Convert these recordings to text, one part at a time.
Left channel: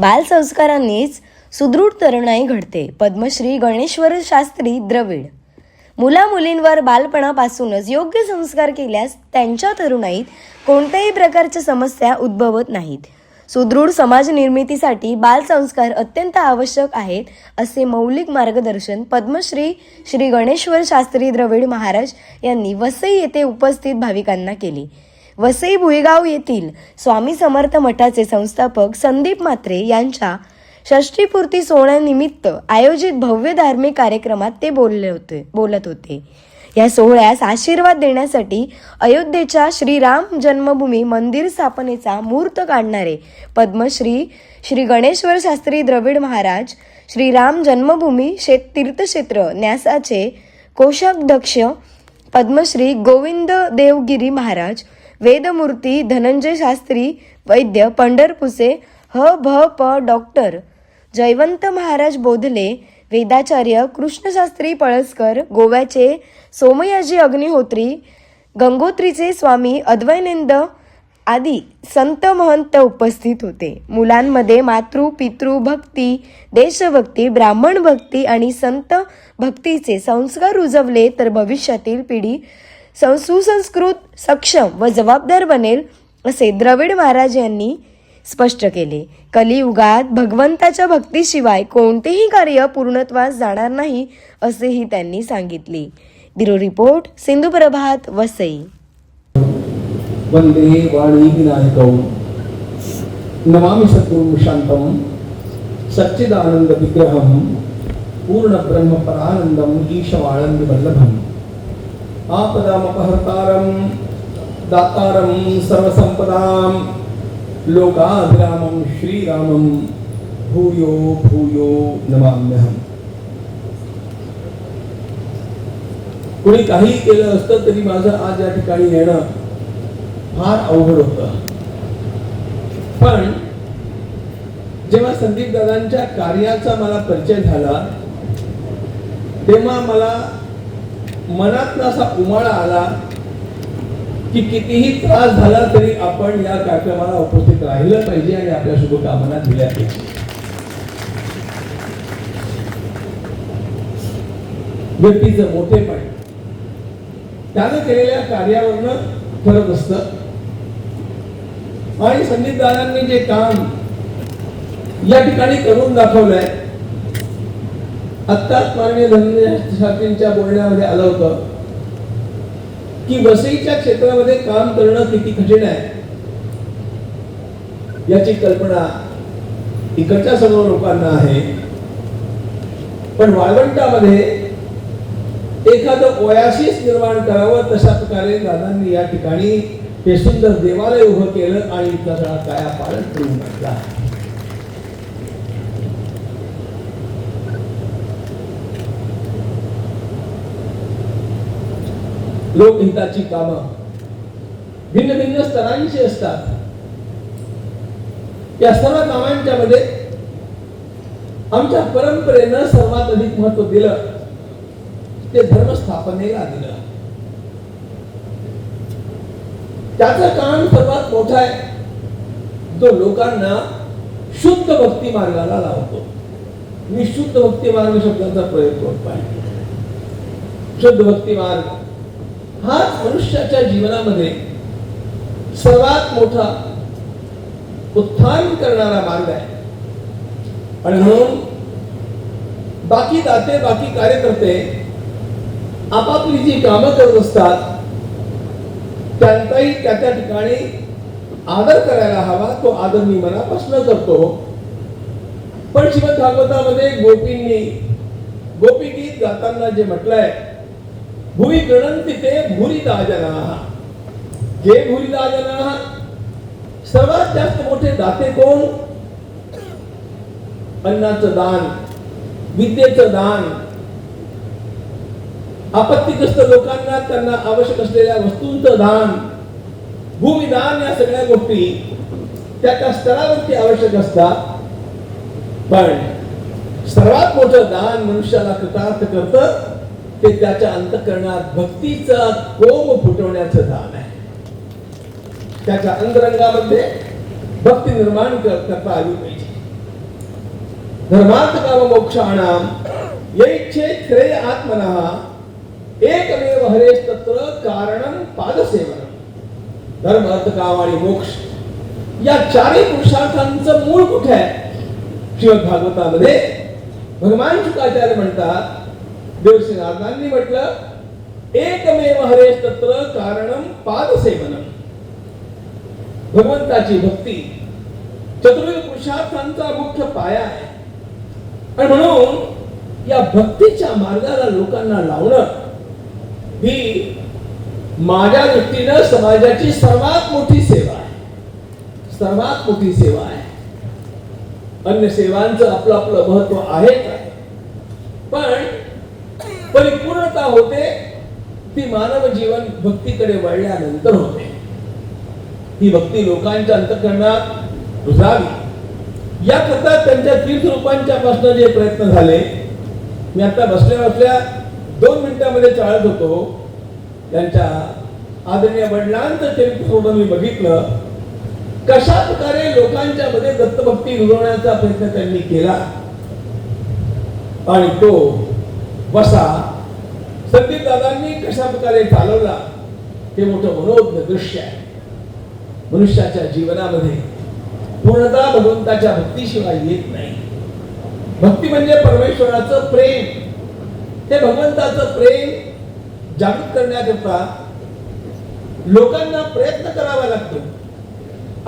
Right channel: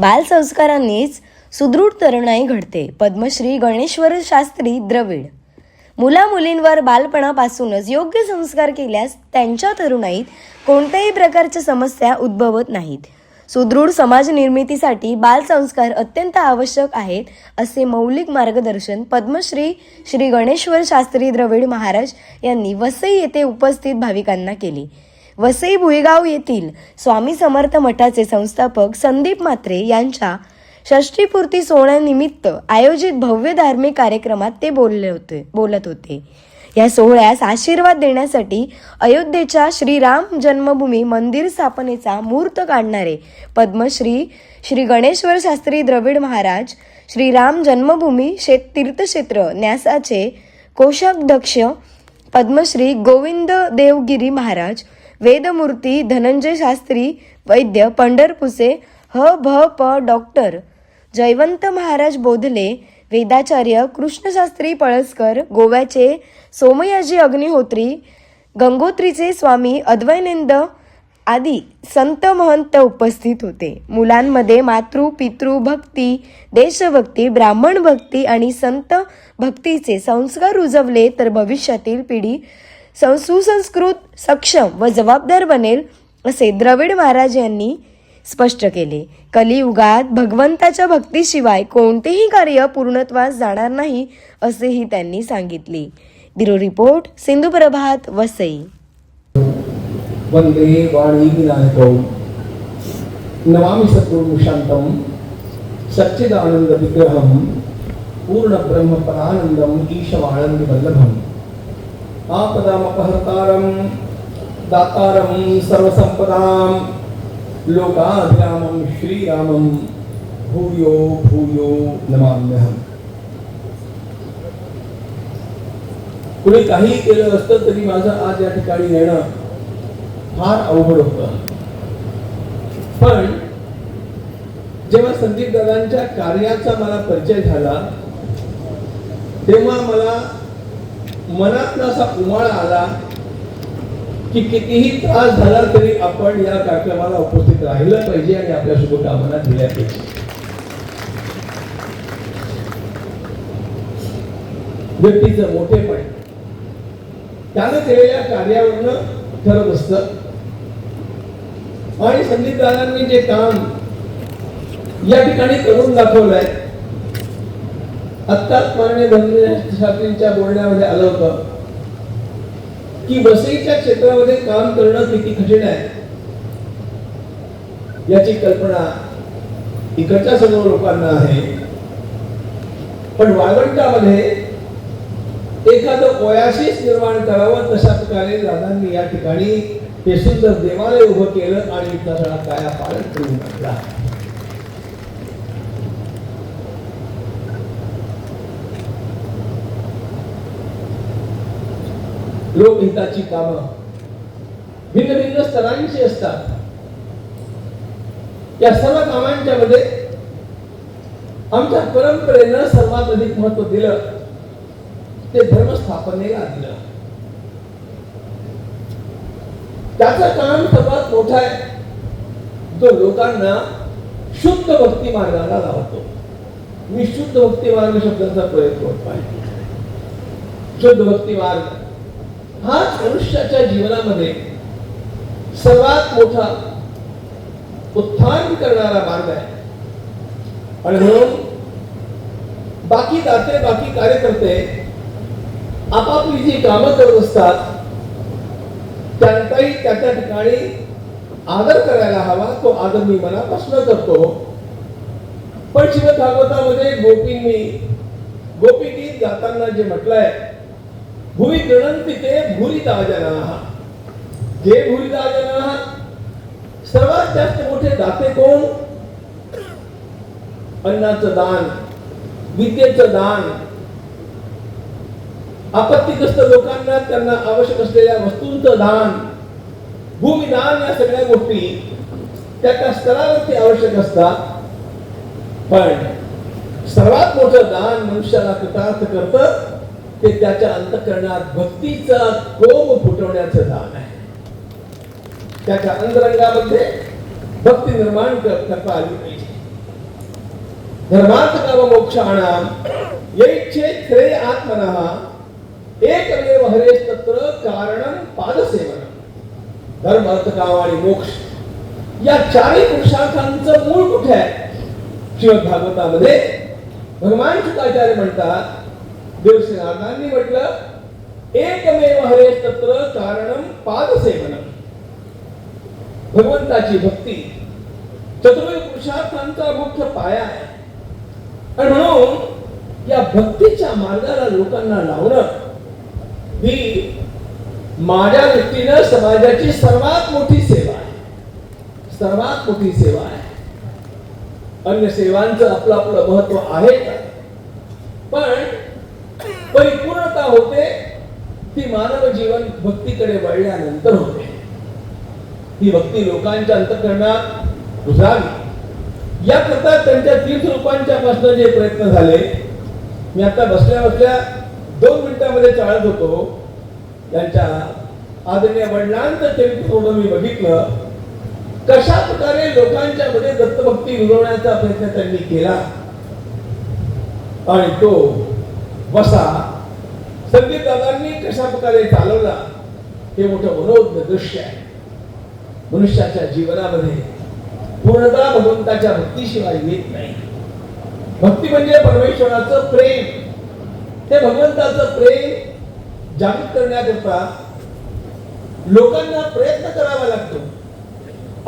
बालसंस्कारांनीच सुदृढ तरुणाई घडते. पद्मश्री गणेश्वर शास्त्री द्रविड. मुला-मुलींवर बालपणापासूनच योग्य संस्कार केल्यास त्यांच्या तरुणाईत कोणत्याही प्रकारच्या समस्या उद्भवत नाहीत. सुदृढ समाज निर्मितीसाठी बालसंस्कार अत्यंत आवश्यक आहेत, असे मौलिक मार्गदर्शन पद्मश्री श्री गणेश्वर शास्त्री द्रविड महाराज यांनी वसई येथे उपस्थित भाविकांना केले. वसई भुईगाव येथील स्वामी समर्थ मठाचे संस्थापक संदीप म्हात्रे यांच्या षष्ठीपूर्ती सोहळ्यानिमित्त आयोजित भव्य धार्मिक कार्यक्रमात ते बोलत होते. या सोहळ्यास आशीर्वाद देण्यासाठी अयोध्येच्या श्रीराम जन्मभूमी मंदिर स्थापनेचा मुहूर्त काढणारे पद्मश्री श्री गणेश्वर शास्त्री द्रविड महाराज, श्रीराम जन्मभूमी तीर्थक्षेत्र न्यासाचे कोषाध्यक्ष पद्मश्री गोविंद देवगिरी महाराज, वेदमूर्ती धनंजय शास्त्री वैद्य पंढरपूरचे भ.प. डॉक्टर जयवंत महाराज बोधले, वेदाचार्य कृष्णशास्त्री पळसकर, गोव्याचे सोमयाजी अग्निहोत्री, गंगोत्रीचे स्वामी अद्वैतानंद आदी संत महंत उपस्थित होते. मुलांमध्ये मातृ पितृ भक्ती, देशभक्ती, ब्राह्मण भक्ती आणि संत भक्तीचे संस्कार रुजवले तर भविष्यातील पिढी सुसंस्कृत, सक्षम व जबाबदार बनेल, असे द्रविड महाराज यांनी स्पष्ट केले. कलियुगात भगवंताच्या भक्तीशिवाय कोणतेही कार्य पूर्णत्वास जाणार नाही, असेही त्यांनी सांगितले. ब्युरो रिपोर्ट, सिंधू प्रभात, वसई. वंदे वाणी विनायकौ नमामि सद्गुरुं शांतं सच्चिदानंद विग्रहं पूर्ण ब्रह्म परानंदं ईशवानंद वल्लभम् आपदामपहर्तारं दातारं सर्वसंपदां लोकाभिरामं श्रीरामं भूयो भूयो नमाम्यहम्. कुणी काही केलं असतं तरी माझं आज या ठिकाणी येणं फार अवघड होतं. पण जेव्हा संदीप दादांच्या कार्याचा मला परिचय झाला तेव्हा मला मनात असा उमाळा आला की कितीही त्रास झाला तरी आपण या कार्यक्रमाला उपस्थित राहिलं पाहिजे आणि आपल्या शुभकामना दिल्या पाहिजे. व्यक्तीचं मोठेपण त्याने केलेल्या कार्यावरनं ठरत असतं. आणि संदीप दादांनी जे काम या ठिकाणी करून दाखवलंय, आत्ताच माननीय धनंजय शास्त्रींच्या बोलण्यामध्ये आलं होतं की वसईच्या क्षेत्रामध्ये काम करणं किती कठीण आहे याची कल्पना इकडच्या सर्व लोकांना आहे. पण वाळवंटामध्ये एखादं ओयासिस निर्माण करावं तशा प्रकारे दादांनी या ठिकाणी हे सुंदर देवालय उभं केलं आणि इथला सगळा काया पालट करून टाकला. लोकहिताची कामं भिन्न भिन्न स्तरांची असतात. या सर्व कामांच्या मध्ये आमच्या परंपरेनं सर्वात अधिक महत्व दिलं ते धर्मस्थापनेला दिलं. त्याचं काम सर्वात मोठं आहे, जो लोकांना शुद्ध भक्ती मार्गाला लावतो. मी शुद्ध भक्ती मार्ग शब्दाचा प्रयोग करतो आहे. शुद्ध भक्ती मार्ग हा मनुष्याच्या जीवनामध्ये सर्वात मोठा उत्थान करणारा मार्ग आहे. आणि म्हणून बाकी दाते, बाकी कार्यकर्ते आपापली जी कामं करत असतात त्यांचाही त्या त्या ठिकाणी आदर करायला हवा. तो आदर मी मनापासून करतो. पण श्रीमद भागवतामध्ये गोपी गीत गाताना जे म्हटलंय, भुवि गृणन्ति ते भूरिदा जनाः. जे भूरिदा जनाः, सर्वात जास्त मोठे दाते कोण? अन्नाचं दान, विद्येचं दान, आपत्तीग्रस्त लोकांना त्यांना आवश्यक असलेल्या वस्तूंचं दान, भूमिदान, या सगळ्या गोष्टी त्या स्तरावरती आवश्यक असतात. पण सर्वात मोठं दान मनुष्याला कृतार्थ करतं ते त्याच्या अंतःकरणात भक्तीचा कोम फुटवण्याचं दान आहे. त्याच्या अंतरंगामध्ये भक्ती निर्माण करता आली पाहिजे. धर्मार्थ काम मोक्षाणाम यैच्छेत श्रेय आत्मनः एकमेव हरेस तत्र कारणं पादसेवनम. धर्म अर्थ काम आणि मोक्ष या चारही पुरुषार्थांचं मूळ कुठे आहे? श्रीमद भागवतामध्ये भगवान शुकाचार्य म्हणतात, देवश्री नारदांनी म्हटलं एकमेव हरेस तत्र कारणं पादसेवनम. भगवंताची भक्ती चतुर्विध पुरुषार्थांचा मुख्य पाया आहे. आणि म्हणून या भक्तीच्या मार्गाला लोकांना लावणं ही माझ्या दृष्टीनं समाजाची सर्वात मोठी सेवा आहे. सर्वात मोठी सेवा आहे. अन्य सेवांचं आपलं आपलं महत्व आहे, पण परिपूर्णता होते ती मानव जीवन भक्तीकडे वळल्यानंतर होते. ही भक्ती लोकांच्या अंतःकरणात रुजावी याकरता त्यांच्या तीर्थरूपांच्या पासून जे प्रयत्न झाले, मी आता बसल्या बसल्या 2 मिनिटांमध्ये चालत होतो. त्यांच्या आदरणीय वडिलांचं तीर्थरूप मी बघितलं, कशा प्रकारे लोकांच्या मध्ये दत्तभक्ती रुजवण्याचा प्रयत्न त्यांनी केला. आणि तो वसा संदीप दादांनी कशा प्रकारे चालवला हे मोठं मनोज्ञ दृश्य आहे. मनुष्याच्या जीवनामध्ये पूर्णता भगवंताच्या भक्तीशिवाय येत नाही. भक्ती म्हणजे परमेश्वराचं प्रेम. ते भगवंताचं प्रेम जागृत करण्याकरता लोकांना प्रयत्न करावा लागतो.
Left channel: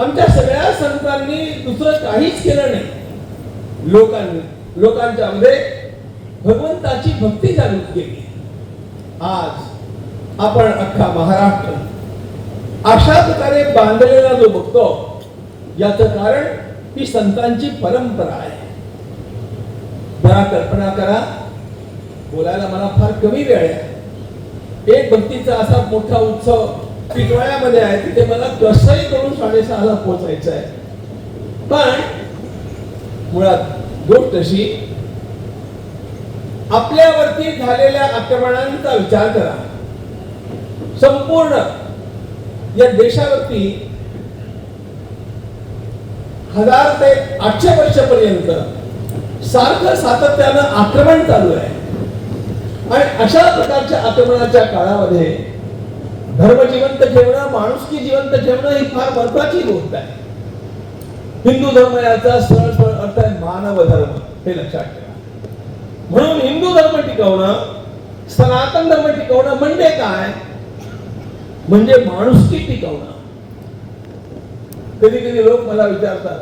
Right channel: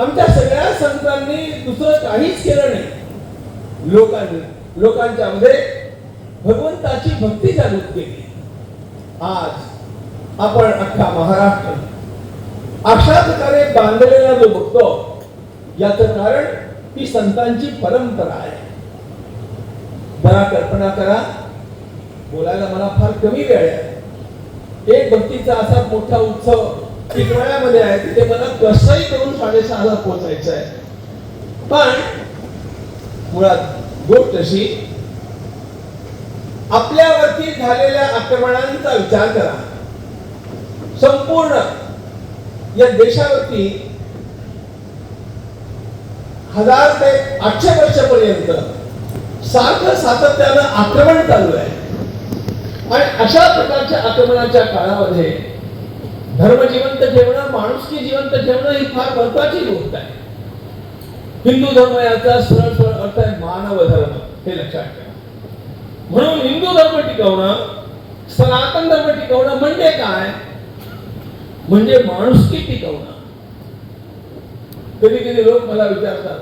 आमच्या सगळ्या संतांनी दुसरं काहीच केलं नाही. लोकांच्या मध्ये भगवंताची भक्ती जागृत केली. आज आपण अख्खा महाराष्ट्र अशा प्रकारे बांधलेला जो बघतो, याचं कारण ही संतांची परंपरा आहे. जरा कल्पना करा, बोलायला मला फार कमी वेळ आहे. एक भक्तीचा असा मोठा उत्सव टिटवाळ्यामध्ये आहे, तिथे मला कसंही करून 6:30ला पोहोचायचं आहे. पण मुळात गोष्ट अशी, आपल्यावरती झालेल्या आक्रमणांचा विचार करा. संपूर्ण या देशावरती 1000 ते 800 वर्षापर्यंत सारखं सातत्यानं आक्रमण चालू आहे. आणि अशा प्रकारच्या आक्रमणाच्या काळामध्ये धर्म जिवंत ठेवणं, माणुसकी जिवंत ठेवणं ही फार महत्वाची गोष्ट आहे. हिंदू धर्म याचा सरळ अर्थ आहे मानव धर्म, हे लक्षात ठेवा. म्हणून हिंदू धर्म टिकवणं, सनातन धर्म टिकवणं म्हणजे काय? म्हणजे माणुसकी टिकवणं. कधी कधी लोक मला विचारतात,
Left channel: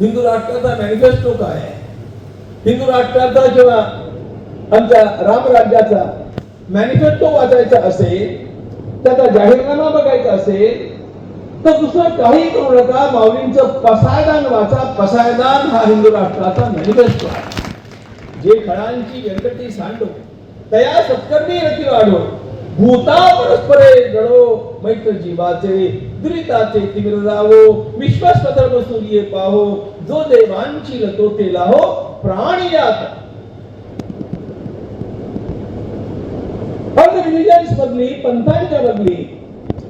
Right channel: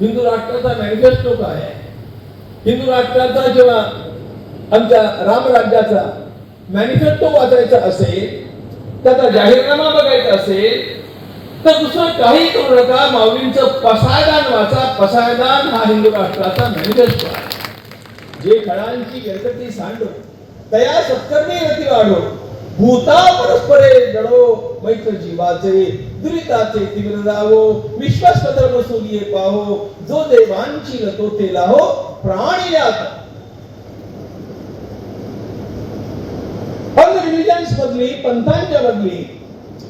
हिंदू राष्ट्राचा मॅनिफेस्टो काय आहे? हिंदू राष्ट्राचा जेव्हा आमच्या रामराज्याचा मॅनिफेस्टो वाचायचा असेल, त्याचा जाहीरनामा बघायचा असेल, तर दुसरं काही करू नका, माऊलींचं पसायदान वाचा. पसायदान हा हिंदू राष्ट्राचा मॅनिफेस्टो आहे. जे फळांची व्यंकटी सांडो, तया सत्कर्मी रती वाढो, भूता परस्परे जडो, मैत्र जीवाचे दुरिताचे तीव्र जावो, विश्वासधर्म सूर्य पाहो, जो देवांची लतो ते लाहो, प्राणी यात. रिलिजन्स मधली, पंथांच्या मधली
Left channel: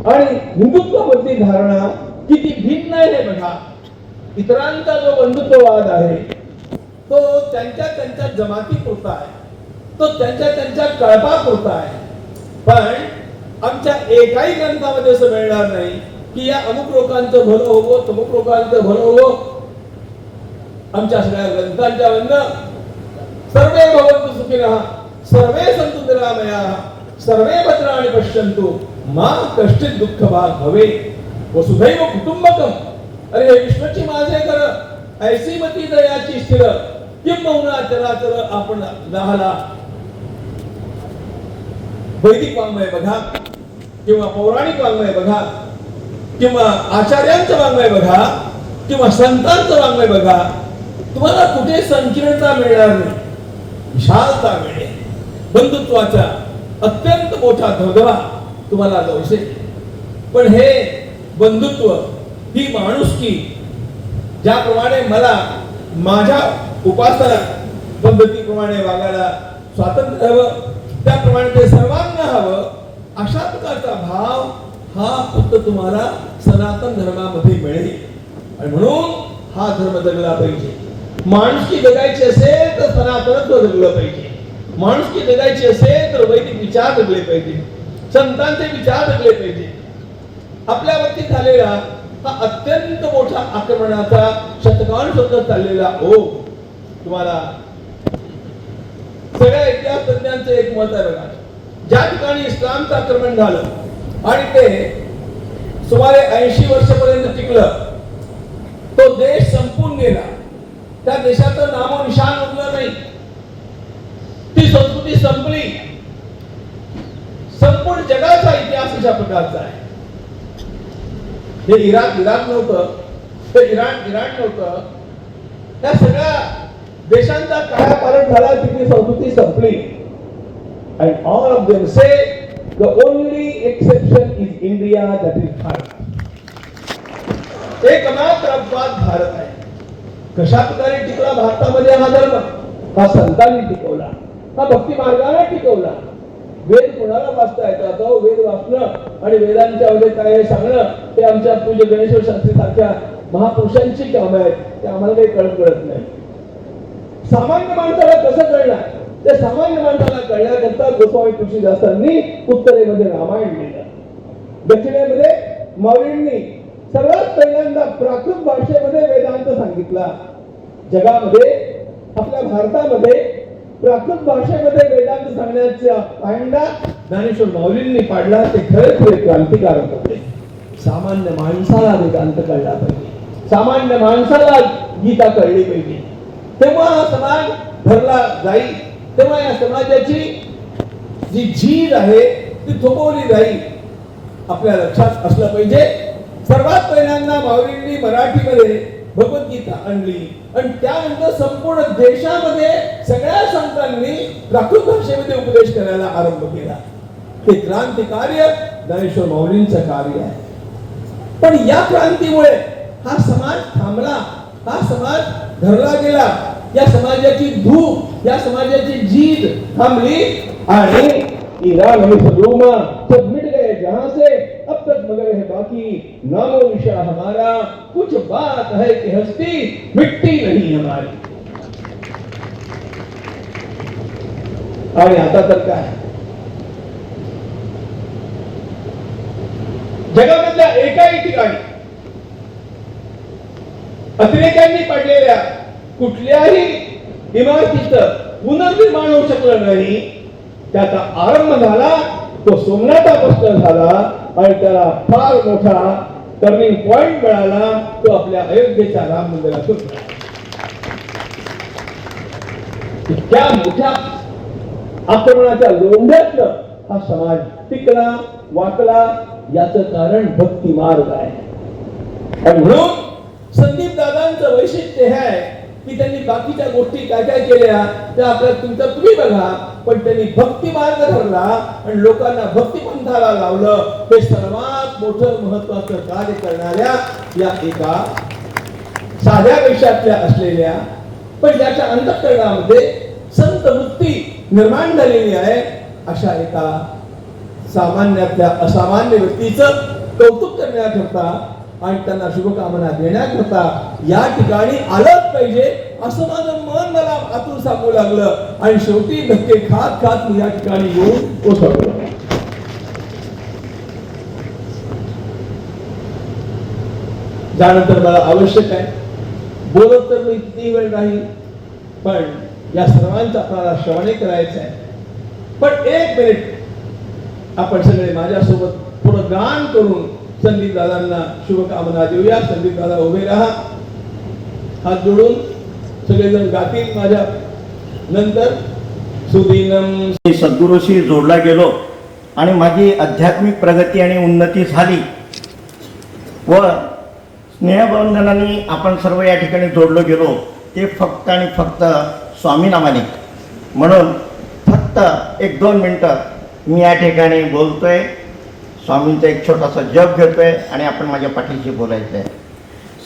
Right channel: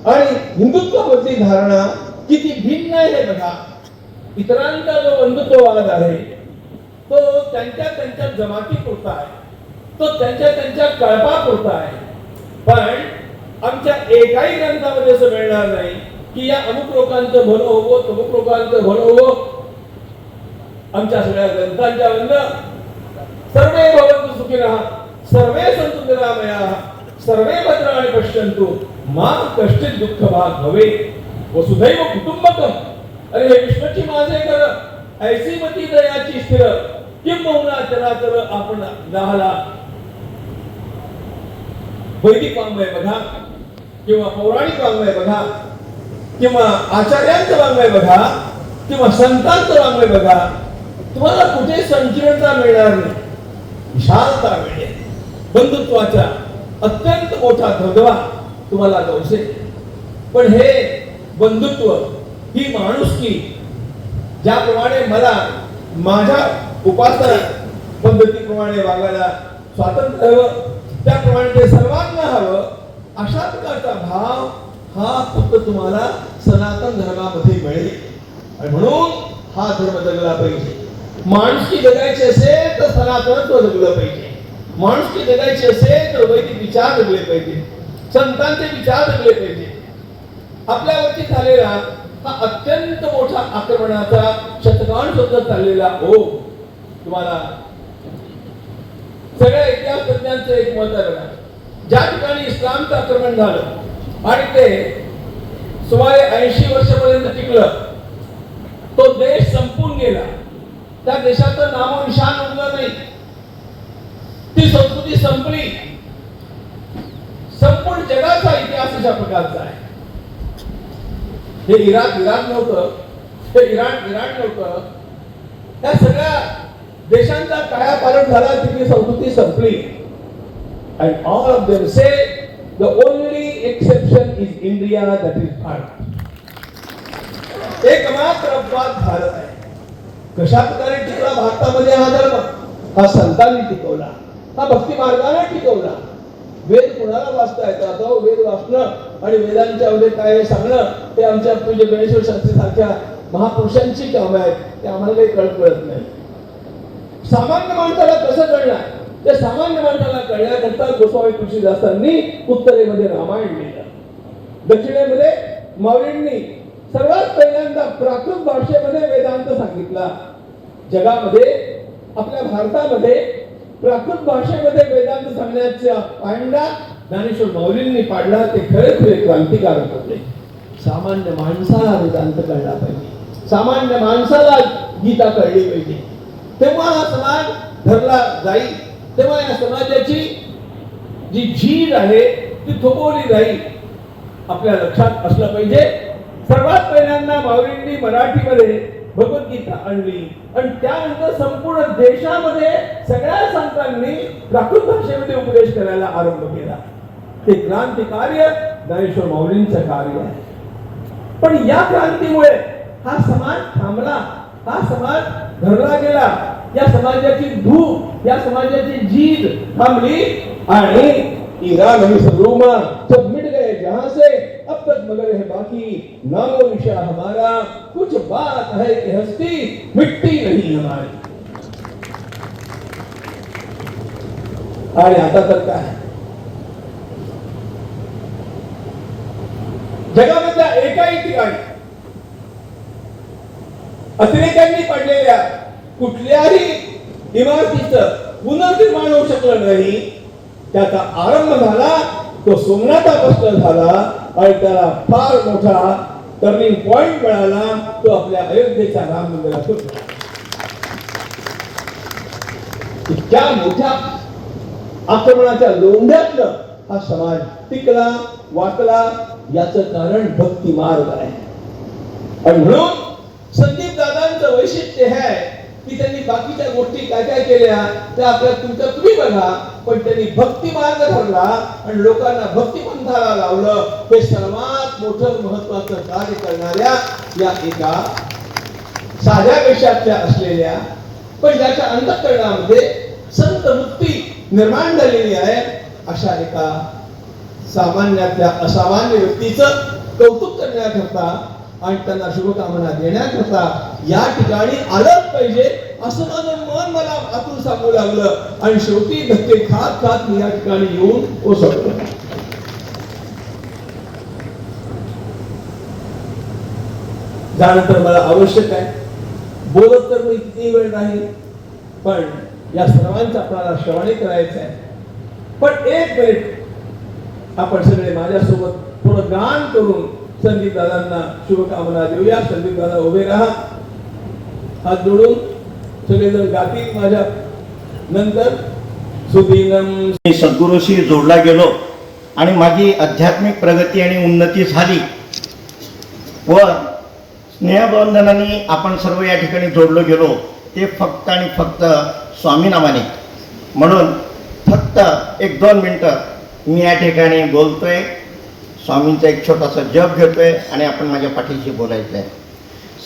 आणि हिंदुत्व मधली धारणा किती भिन्न आहे हे बघा. इतरांचा जो बंधुत्ववाद आहे तो त्यांच्या जमाती पुरता आहे, तो त्यांच्या कळपापुरता आहे. पण आमच्या एकाही ग्रंथामध्ये असं मिळणार नाही की या अमुक लोकांचं भलं होवो, तमुक लोकांचं भलं होवो. आमच्या सगळ्या ग्रंथांच्या बंद सर्वे भवन्तु सुखिनः, सर्वे सन्तु निरामयाः, सर्वे भद्राणि पश्यन्तु मा कश्चित् दुःखभाग् भवेत्, वसुधैव कुटुंबकम्. अरे हे विष्णूची माझे कर, ऐसी मती दयाची स्थिर, किंबहुना चराचर आपण राहला. वैदिक वाङ्मय बघा, किंवा पौराणिक वाङ्मय बघा, किंवा आचार्यांचं वाङ्मय बघा, किंवा संतांचं वाङ्मय बघा, तुम्हाला कुठे संकीर्णता मिळणार नाही, विशालता मिळेल. बंधुत्वाचा अत्यंत मोठा धबधबा तुम्हाला गवसेल. पण हे बंधुत्व, ही माणुसकी, ज्याप्रमाणे मला माझ्या उपासना पद्धतीप्रमाणे वागायला स्वातंत्र्य हवं, त्याप्रमाणे ते सर्वांना हवं, अशा प्रकारचा भाव हा फक्त तुम्हाला सनातन धर्मामध्ये मिळेल. आणि म्हणून हा धर्म जगला पाहिजे. माणुसकी जगायची असेल तर सनातनत्व जगलं पाहिजे. माणुसकी जगायची असेल तर वैदिक विचार जगले पाहिजे, संतांचे विचार जगले पाहिजे. आपल्यावरती झालेला हा अत्यंत मोठा आक्रमणाचा शतकान शोधत चाललेला ओघ तुम्हाला सगळ्या इतिहास तज्ञांचं एक मत आहे बघा. ज्या ठिकाणी इस्लामचं आक्रमण झालं आणि ते सुमारे 80 वर्षापर्यंत टिकलं, तो देश संपून गेला, त्या देशाचं नामोनिशाण उरलं नाही, ती संस्कृती संपली. संपूर्ण जगाचा इतिहास अशा प्रकारचा आहे. हे इराक नव्हतं, हे इराण नव्हतं, त्या सगळ्या देशांचा कायापालट झाला, तिथली संस्कृती संपली. And all of them say the only exception is India, that is Bharat. एकमात्र अपवाद भारत आहे. कशा प्रकारे टिकला भारतामध्ये हा धर्म? हा संतांनी टिकवला, हा भक्ती मार्गाने टिकवला. वेद कोणाला वाचता येतं? आता वेद वाचणं आणि वेदांच्या मध्ये काय सांगणं ते आमच्या पूज्य गणेश्वर शास्त्री सारख्या महापुरुषांची कामं आहेत, ते आम्हाला काही कळत नाही. सामान्य माणसाला कसं कळणार? त्या सामान्य माणसाला कळण्याकरता गोस्वामी तुळशीदासांनी उत्तरेमध्ये रामायण लिहिलं, दक्षिणेमध्ये मौर्यांनी सर्वात पहिल्यांदा प्राकृत भाषेमध्ये वेदांत सांगितला. जगामध्ये आपल्या भारतामध्ये प्राकृत भाषेमध्ये वेदांत सांगण्याचा पायंडा ज्ञानेश्वर माऊलींनी पाडला. ते खरे क्रांतिकारक होते. सामान्य माणसाला वेदांत कळला पाहिजे, सामान्य माणसाला गीता कळली पाहिजे, तेव्हा हा समाज धरला जाईल, तेव्हा या समाजाची जी झीज आहे ती थोपवली जाईल. आपल्या लक्षात असलं पाहिजे, सर्वात पहिल्यांदा माऊलींनी मराठीमध्ये भगवद्गीता आणली आणि त्यानंतर संपूर्ण देशामध्ये सगळ्या संतांनी प्राकृत भाषेमध्ये उपदेश करायला आरंभ केला. ते क्रांतिकार्य ज्ञानेश्वर माऊलींचं कार्य आहे. पण या क्रांतीमुळे हा समाज थांबला, हा समाज धरला गेला, या समाजाची धूप, या समाजाची जीद थांबली आणि ईरान आणि सदरूमा सब मिट गए जहां से, अब तक मगर है बाकी नामो निशा हमारा, कुछ बात है कि हस्ती मिट्टी नहीं हमारी. आणि आता तर काय, जगामधल्या एकाही ठिकाणी अतिरेक्यांनी पडलेल्या कुठल्याही इमारतीचं पुनर्निर्माण होऊ शकलं नाही. त्याचा आरंभ झाला तो सोमनाथापासून झाला आणि त्याला फार मोठा टर्निंग पॉइंट मिळाला, तो आपल्या अयोध्येच्या राम मंदिरातून. इतक्या मोठ्या आक्रमणाच्या लोंढ्यातलं हा समाज टिकला वाकला, याचं कारण भक्ती मार्ग आहे. आणि म्हणून संदीप दादांचं वैशिष्ट्य हे आहे की त्यांनी बाकीच्या गोष्टी काय काय केल्या त्या आपल्या तुमचं तुम्ही बघा, पण त्यांनी भक्ती मार्ग धरला आणि लोकांना भक्तिपंथाला लावलं. हे सर्वात मोठं महत्वाचं कार्य करणाऱ्या या एका साध्या वेशातल्या असलेल्या पण ज्याच्या अंतःकरणामध्ये संत वृत्ती निर्माण झालेली आहे, अशा एका सामान्यातल्या असामान्य व्यक्तीचं कौतुक करण्याकरता आणि त्यांना शुभकामना देण्याकरता या ठिकाणी आलंच पाहिजे असं माझं मन मला आतून सांगू लागलं. आणि शेवटी धक्के खात खात मी या ठिकाणी येऊन पोहोचलो. त्यानंतर मला आवश्यक आहे बोलत तर मी किती वेळ नाही, पण या सर्वांचं आपल्याला श्रवणे करायचं आहे. पण एक मिनिट आपण सगळे माझ्यासोबत थोडं गान करून संदीप दादांना शुभकामना देऊया. संदीप दादा उभे राहा, हात जोडून सगळेजण गातील माझ्या नंतर. सुदीनम सद्गुरूशी जोडला गेलो आणि माझी आध्यात्मिक प्रगती आणि उन्नती झाली व स्नेहबंधनाने आपण सर्व या ठिकाणी जोडलो गेलो. ते फक्त आणि फक्त स्वामी नावाने. म्हणून फक्त 1-2 मिनटं मी या ठिकाणी बोलतोय, स्वामींचा एक छोटासा जप घेतोय आणि आपण माझ्या पाठीशी बोलायचं आहे.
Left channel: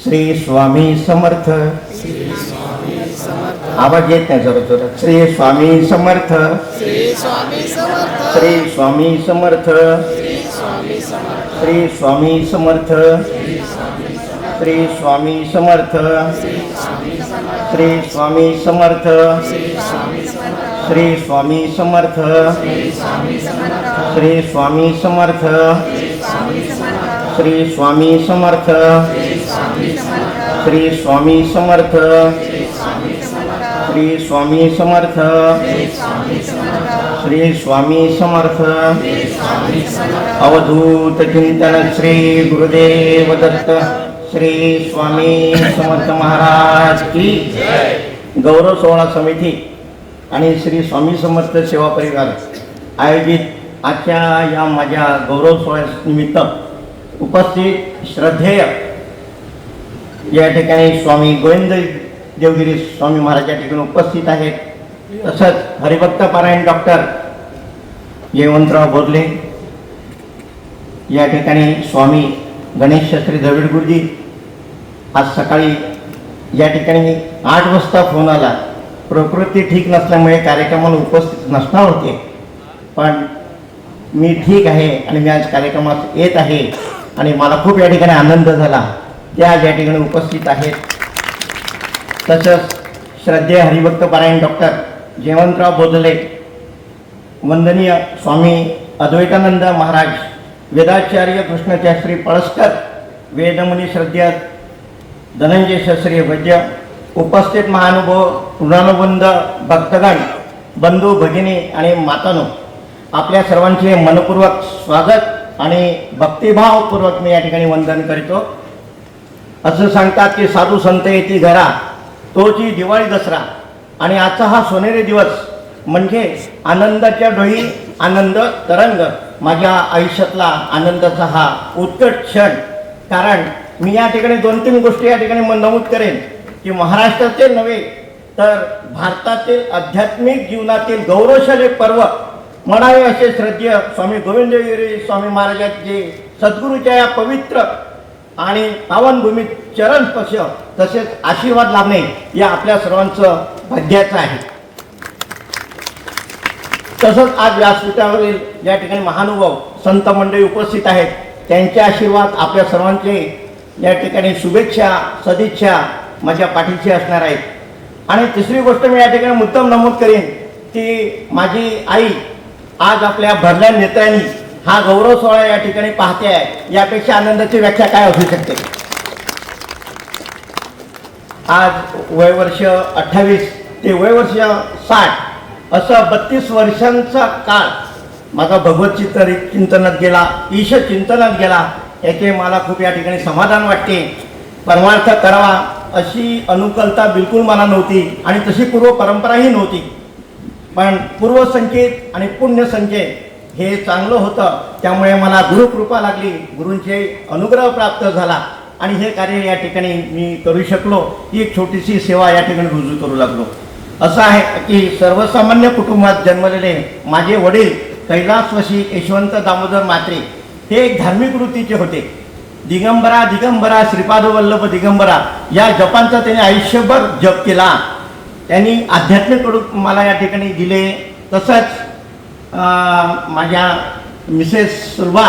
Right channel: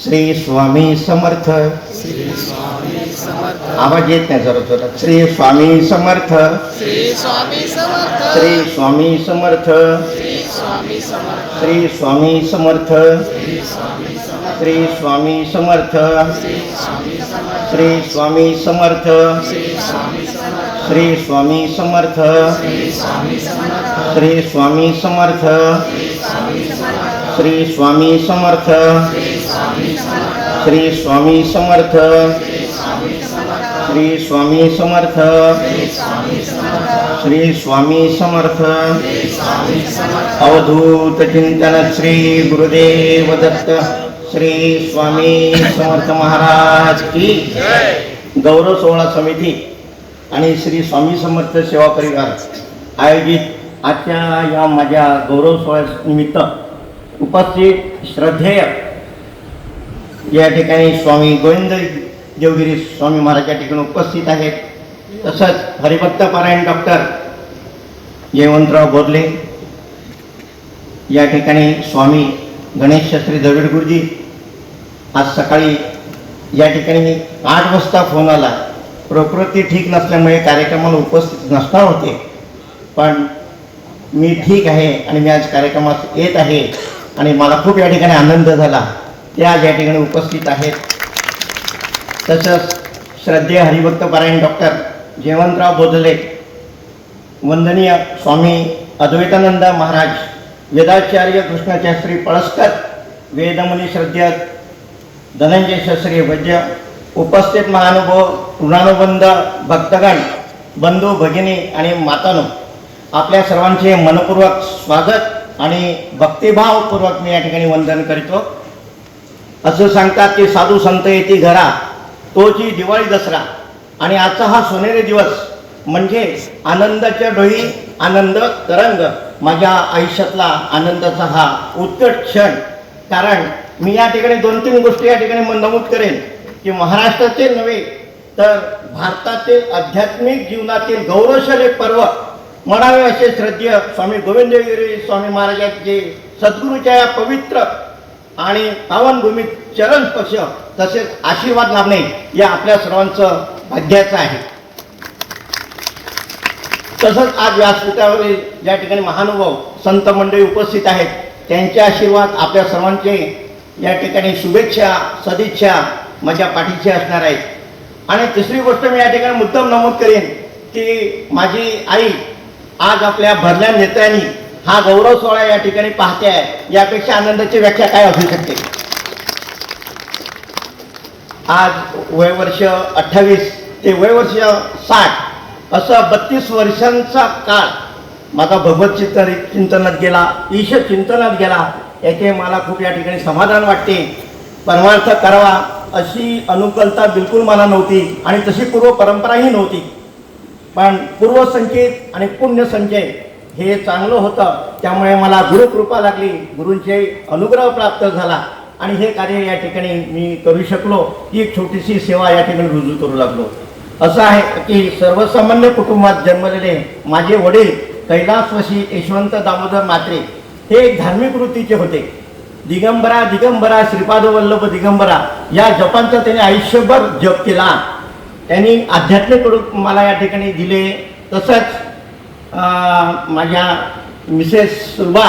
श्री स्वामी समर्थ. आवाज येत नाही जरा जरा. श्री स्वामी समर्थ. श्री स्वामी समर्थ. श्री स्वामी समर्थ. श्री स्वामी समर्थ. श्री स्वामी समर्थ. श्री स्वामी समर्थ. श्री स्वामी समर्थ. श्री स्वामी समर्थ श्री स्वामी समर्थ श्री स्वामी समर्थ श्री स्वामी समर्थ श्री स्वामी समर्थ श्री स्वामी समर्थ श्री स्वामी समर्थ अवधूत चिंतन श्री गुरुदेव दत्त श्री स्वामी समर्थ महाराज की गौरव सोहळा समिती आणि श्री स्वामी समर्थ सेवा परिवार आयोजित आजच्या या माझ्या गौरव सोहळ्यानिमित्त उपस्थित श्रद्धेय या ठिकाणी स्वामी गोविंद देवगिरी स्वामी महाराज या ठिकाणी उपस्थित आहेत. तसंच हरिभक्त पारायण डॉक्टर जयवंतराव बोरले या ठिकाणी स्वामी गणेश शास्त्री द्रविड गुरुजी आज सकाळी या ठिकाणी 8 वाजता फोन आला. प्रकृती ठीक नसल्यामुळे कार्यक्रमाला उपस्थित नसणार होते, पण मी ठीक आहे आणि मी आज कार्यक्रमात येत आहे आणि मला खूप या ठिकाणी आनंद झाला. त्या या ठिकाणी उपस्थित आहेत. तसंच श्रद्धेय हरिभक्त पारायण डॉक्टर जयवंतराव बोधले, वंदनीय स्वामी अद्वैतानंद महाराज, वेदाचार्य कृष्णशास्त्री पळसकर, वेदमुनी श्रद्धेय धनंजय शास्त्री वैद्य, उपस्थित महानुभव पुराणबंध भक्तगण, बंधू भगिनी आणि मातानो, आपल्या सर्वांचे मनपूर्वक स्वागत आणि भक्तिभावपूर्वक मी या ठिकाणी वंदन करतो. असं सांगतात की साधू संत येती घरा तोची दिवाळी दसरा, आणि आजचा हा सोनेरी दिवस म्हणजे आनंदाच्या डोही आनंद तरंग, माझ्या आयुष्यातला आनंदाचा हा उत्कट क्षण. कारण मी या ठिकाणी 2-3 गोष्टी या ठिकाणी नमूद करेन की महाराष्ट्राचे नव्हे तर भारतातील आध्यात्मिक जीवनातील गौरवशाली पर्व म्हणावे असे श्रद्धेय स्वामी गोविंद देवगिरी स्वामी महाराजांचे सद्गुरूच्या या पवित्र आणि पावनभूमीत चरण स्पर्श तसेच आशीर्वाद लाभणे या आपल्या सर्वांचं भाग्याचं आहे. तसंच आज व्यासपीठावरील या ठिकाणी महानुभाव संत मंडळी उपस्थित आहेत. त्यांचे आशीर्वाद आपल्या सर्वांचे या ठिकाणी शुभेच्छा सदिच्छा माझ्या पाठीशी असणार आहेत. आणि तिसरी गोष्ट मी या ठिकाणी मुद्दाम नमूद करेन की माझी आई आज आपल्या भरल्या नेत्यांनी हा गौरव सोहळा या ठिकाणी पाहते आहे. यापेक्षा आनंदाची व्याख्या काय असू शकते. आज वयवर्ष 28 ते वयवर्ष 60 असं 32 वर्षांचा काळ माझा भगवत चिंतनात गेला, ईश चिंतनात गेला. याचे मला खूप या ठिकाणी समाधान वाटते. परमार्थ करावा अशी अनुकंपा बिलकुल मला नव्हती आणि तशी पूर्व परंपराही नव्हती, पण पूर्वसंचित आणि पुण्यसंचय हे चांगलं होतं. त्यामुळे मला गुरुकृपा लागली, गुरूंचे अनुग्रह प्राप्त झाला आणि हे कार्य या ठिकाणी मी करू शकलो. ही एक छोटीशी सेवा या ठिकाणी रुजू करू लागलो. असं आहे की सर्वसामान्य कुटुंबात जन्मलेले माझे वडील कैलासवासी यशवंत दामोदर म्हात्रे हे एक धार्मिक वृत्तीचे होते. दिगंबरा दिगंबरा श्रीपाद वल्लभ दिगंबरा या जपांचा त्यांनी आयुष्यभर जप केला. त्यांनी आध्यात्मिक मला या ठिकाणी दिले. तसंच माझ्या मिसेस सुलभा,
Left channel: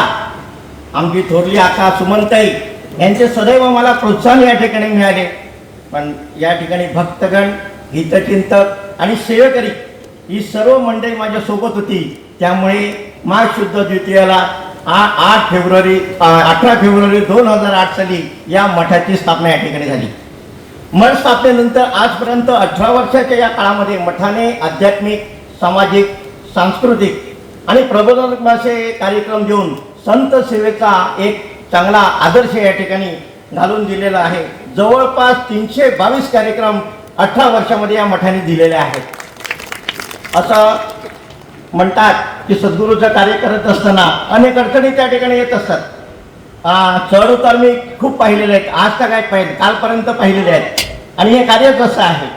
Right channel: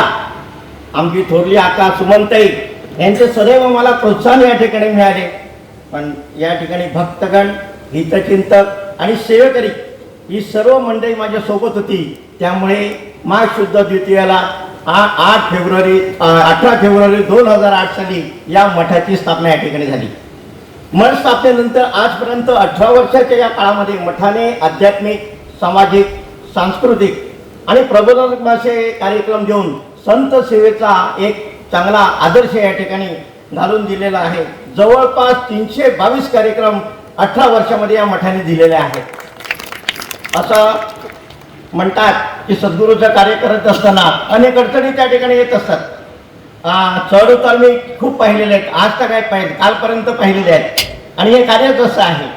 आमची थोरली आका सुमनताई यांचे सदैव मला प्रोत्साहन या ठिकाणी मिळाले. पण या ठिकाणी भक्तगण, हितचिंतक आणि सेवेकरी ही सर्व मंडळी माझ्या सोबत होती. त्यामुळे माघ शुद्ध द्वितीयाला 18 फेब्रुवारी 2008 साली या मठाची स्थापना या ठिकाणी झाली. मठ स्थापनेनंतर आजपर्यंत 18 वर्षाच्या या काळामध्ये मठाने आध्यात्मिक, सामाजिक, सांस्कृतिक आणि प्रबोधनात्मक असे कार्यक्रम देऊन संत सेवेचा एक चांगला आदर्श या ठिकाणी घालून दिलेला आहे. जवळपास 322 कार्यक्रम 18 वर्षामध्ये या मठाने दिलेले आहेत. असं म्हणतात की सद्गुरूचं कार्य करत असताना अनेक अडचणी त्या ठिकाणी येत असतात. चढ उतार मी खूप पाहिलेले आहेत, आज तर काय पाहिले, कालपर्यंत पाहिलेले आहेत. आणि हे कार्यच असं आहे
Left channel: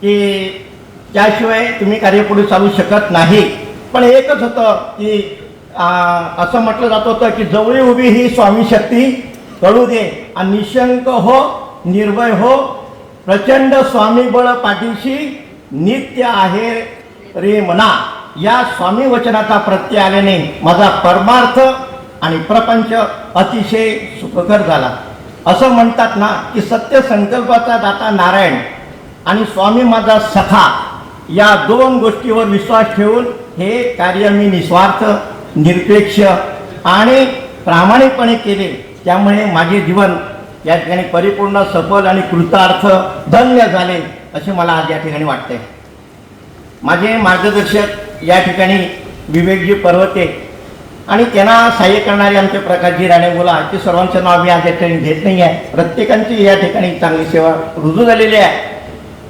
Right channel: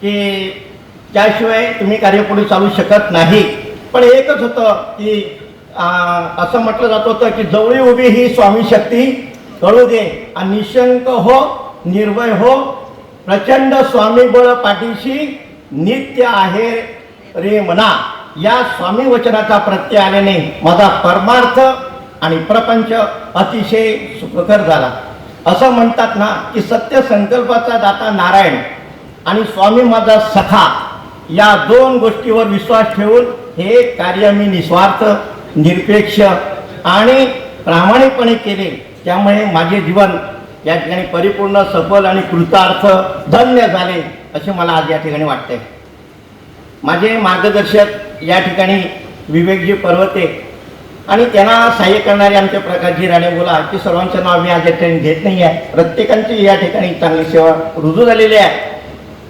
की त्याशिवाय तुम्ही कार्य पुढे चालू शकत नाही. पण एकच होतं की असं म्हटलं जात होतं की जवळी उभी ही स्वामी शक्ती कळू दे आणि निशंक हो, निर्भय हो, प्रचंड स्वामी बळ पाठीशी नित्य आहे रे मना. या स्वामी वचनाचा प्रत्यय आल्याने माझा परमार्थ आणि प्रपंच अतिशय सुखकर झाला. असं म्हणतात ना की सत्य संकल्पाचा दाता नारायण आणि स्वामी माझा सखा या दोन गोष्टीवर विश्वास ठेवून हे कार्य मी निस्वार्थ, निरपेक्ष आणि प्रामाणिकपणे केले. त्यामुळे माझे जीवन या ठिकाणी परिपूर्ण, सफल आणि कृतार्थ, धन्य झाले असे मला आज या ठिकाणी वाटते. माझे मार्गदर्शक या ठिकाणी विवेकजी पर्वते आणि त्यांना सहाय्य करणारे आमचे प्रकाशजी राणेबोला, की सर्वांचं नाव मी आज या ठिकाणी घेत नाही आहे. प्रत्येकांची या ठिकाणी चांगली सेवा रुजू झालेली आहे.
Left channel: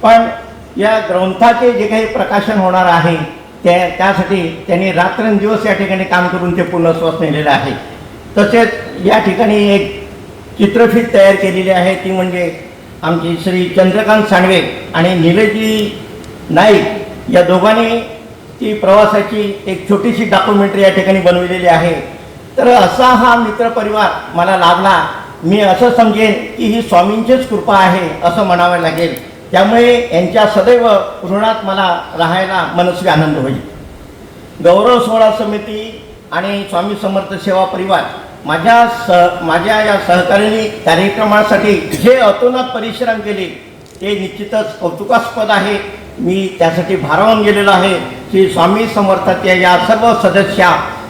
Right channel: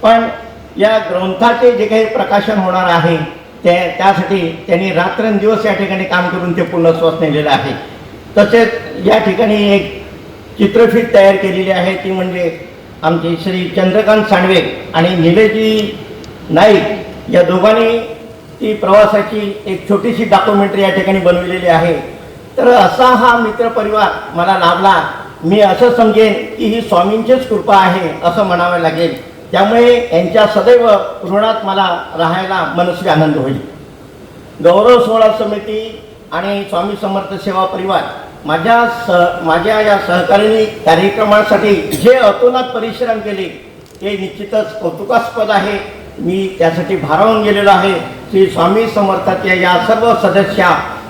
पण या ग्रंथाचे जे काही प्रकाशन होणार आहे त्यासाठी त्यांनी रात्रंदिवस या ठिकाणी काम करून ते पूर्णत्वास नेलेले आहे. तसेच या ठिकाणी एक चित्रफीत तयार केलेली आहे, ती म्हणजे आमचे श्री चंद्रकांत सांडवे आणि निलेशजी नाईक या दोघांनी ती प्रवासाची एक छोटीशी डॉक्युमेंटरी या ठिकाणी बनवलेली आहे. तर असा हा मित्रपरिवार मला लाभला. मी असं समजेन की ही स्वामींचीच कृपा आहे असं म्हणावं लागेल. त्यामुळे यांच्या सदैव ऋणात मला राहायला मनस्वी आनंद होईल. गौरव सोहळा समिती आणि स्वामी समर्थ सेवा परिवार माझ्या या सहकार्याने कार्यक्रमासाठी जे अतोनात परिश्रम केले ते निश्चितच कौतुकास्पद आहे. मी त्यासाठी भारावून गेलेलो आहे की स्वामी समर्थाच्या या सर्व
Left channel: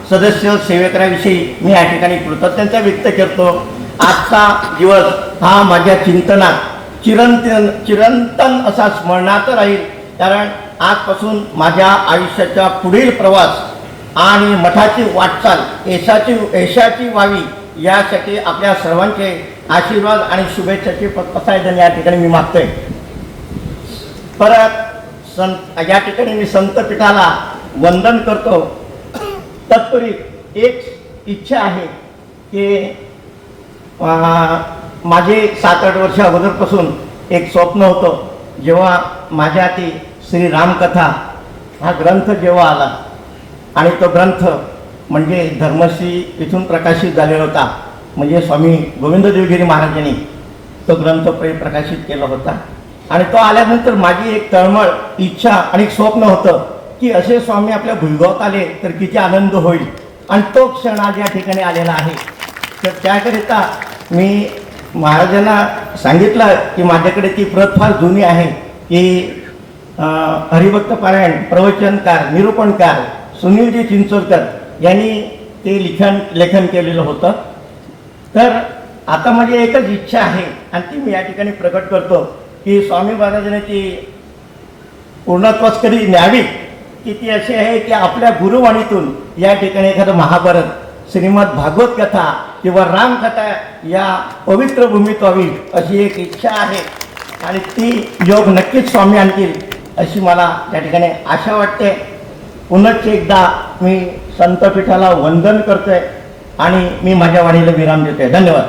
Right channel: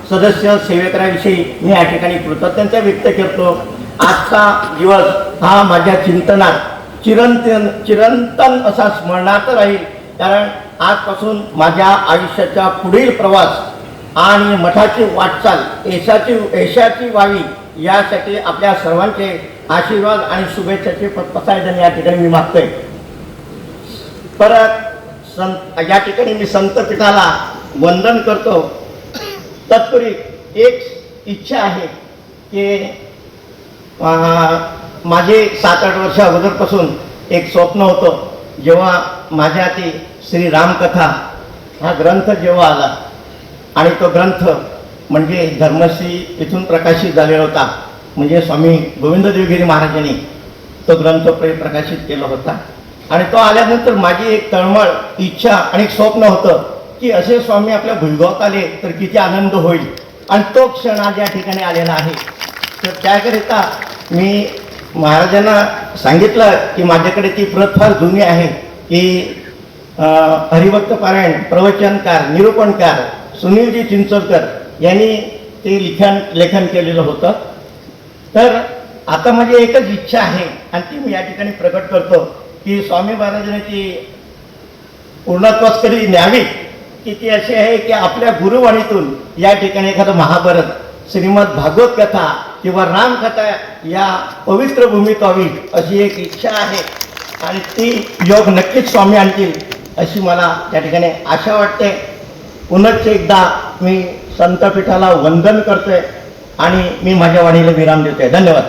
सदस्य सेवकांविषयी मी या ठिकाणी कृतज्ञता व्यक्त करतो. आजचा दिवस हा माझ्या चिंतनात चिरंतन असा स्मरणात राहील. कारण आजपासून माझ्या आयुष्याचा पुढील प्रवास आणि मठाची वाटचाल यशाची व्हावी यासाठी आपल्या सर्वांचे आशीर्वाद आणि शुभेच्छाचे प्रसाद या ठिकाणी मी मागतोय. परत या ठिकाणी मी संतपीठाला वंदन करतो. तत्पूर्वी एक इच्छा आहे की माझे 7-8 वर्ष अगोदरपासून एक स्वप्न होतं. जेव्हा माझ्या ती श्री रामकथा हा ग्रंथ जेव्हा आला आणि तो ग्रंथ म्हणजे धर्मश्री इथून प्रकाशित झालेला होता, म्हणजे स्वामी गोविंद देवगिरी महाराजांनी तो ग्रंथ प्रकाशित केला होता. आणि तो आल्यानंतर माझी एक तळमळ इच्छा आणि एक स्वप्न होतं की असे स्वामी आपल्या भुजगावात आले तर किती आनंद होईल. आणि तो क्षण आज या ठिकाणी आलेला आहे. तर त्याकरिता मी महाराजांना सांगितलं की माझ्याकडे ती प्रत फार जुनी आहे की हरिभक्त पारायण, प्रवचनकार, निरूपणकार सुनीलजी चिंचोलकर यांनी ते लेखन केलेलं होतं. तर आता माझी एकच इच्छा आहे आणि ती मी या ठिकाणी प्रकट करतो की स्वामी महाराजांनी ती पूर्णत्वास कधी न्यावी की ती अशी आहे की आपल्या गुरुवाणीतून या ठिकाणी एखादं महाभारत, श्रीमद भागवत कथा किंवा रामकथा या पवित्र भूमीत व्हावी अशी एक इच्छा आहे. आणि ती योग नक्कीच स्वामी आणतील अशी मला त्या ठिकाणी आशा वाटते. पुनश्च एकदा मी संतपीठाला वंदन करतोय आणि मी माझ्या वाणीला विराम देतोय. धन्यवाद.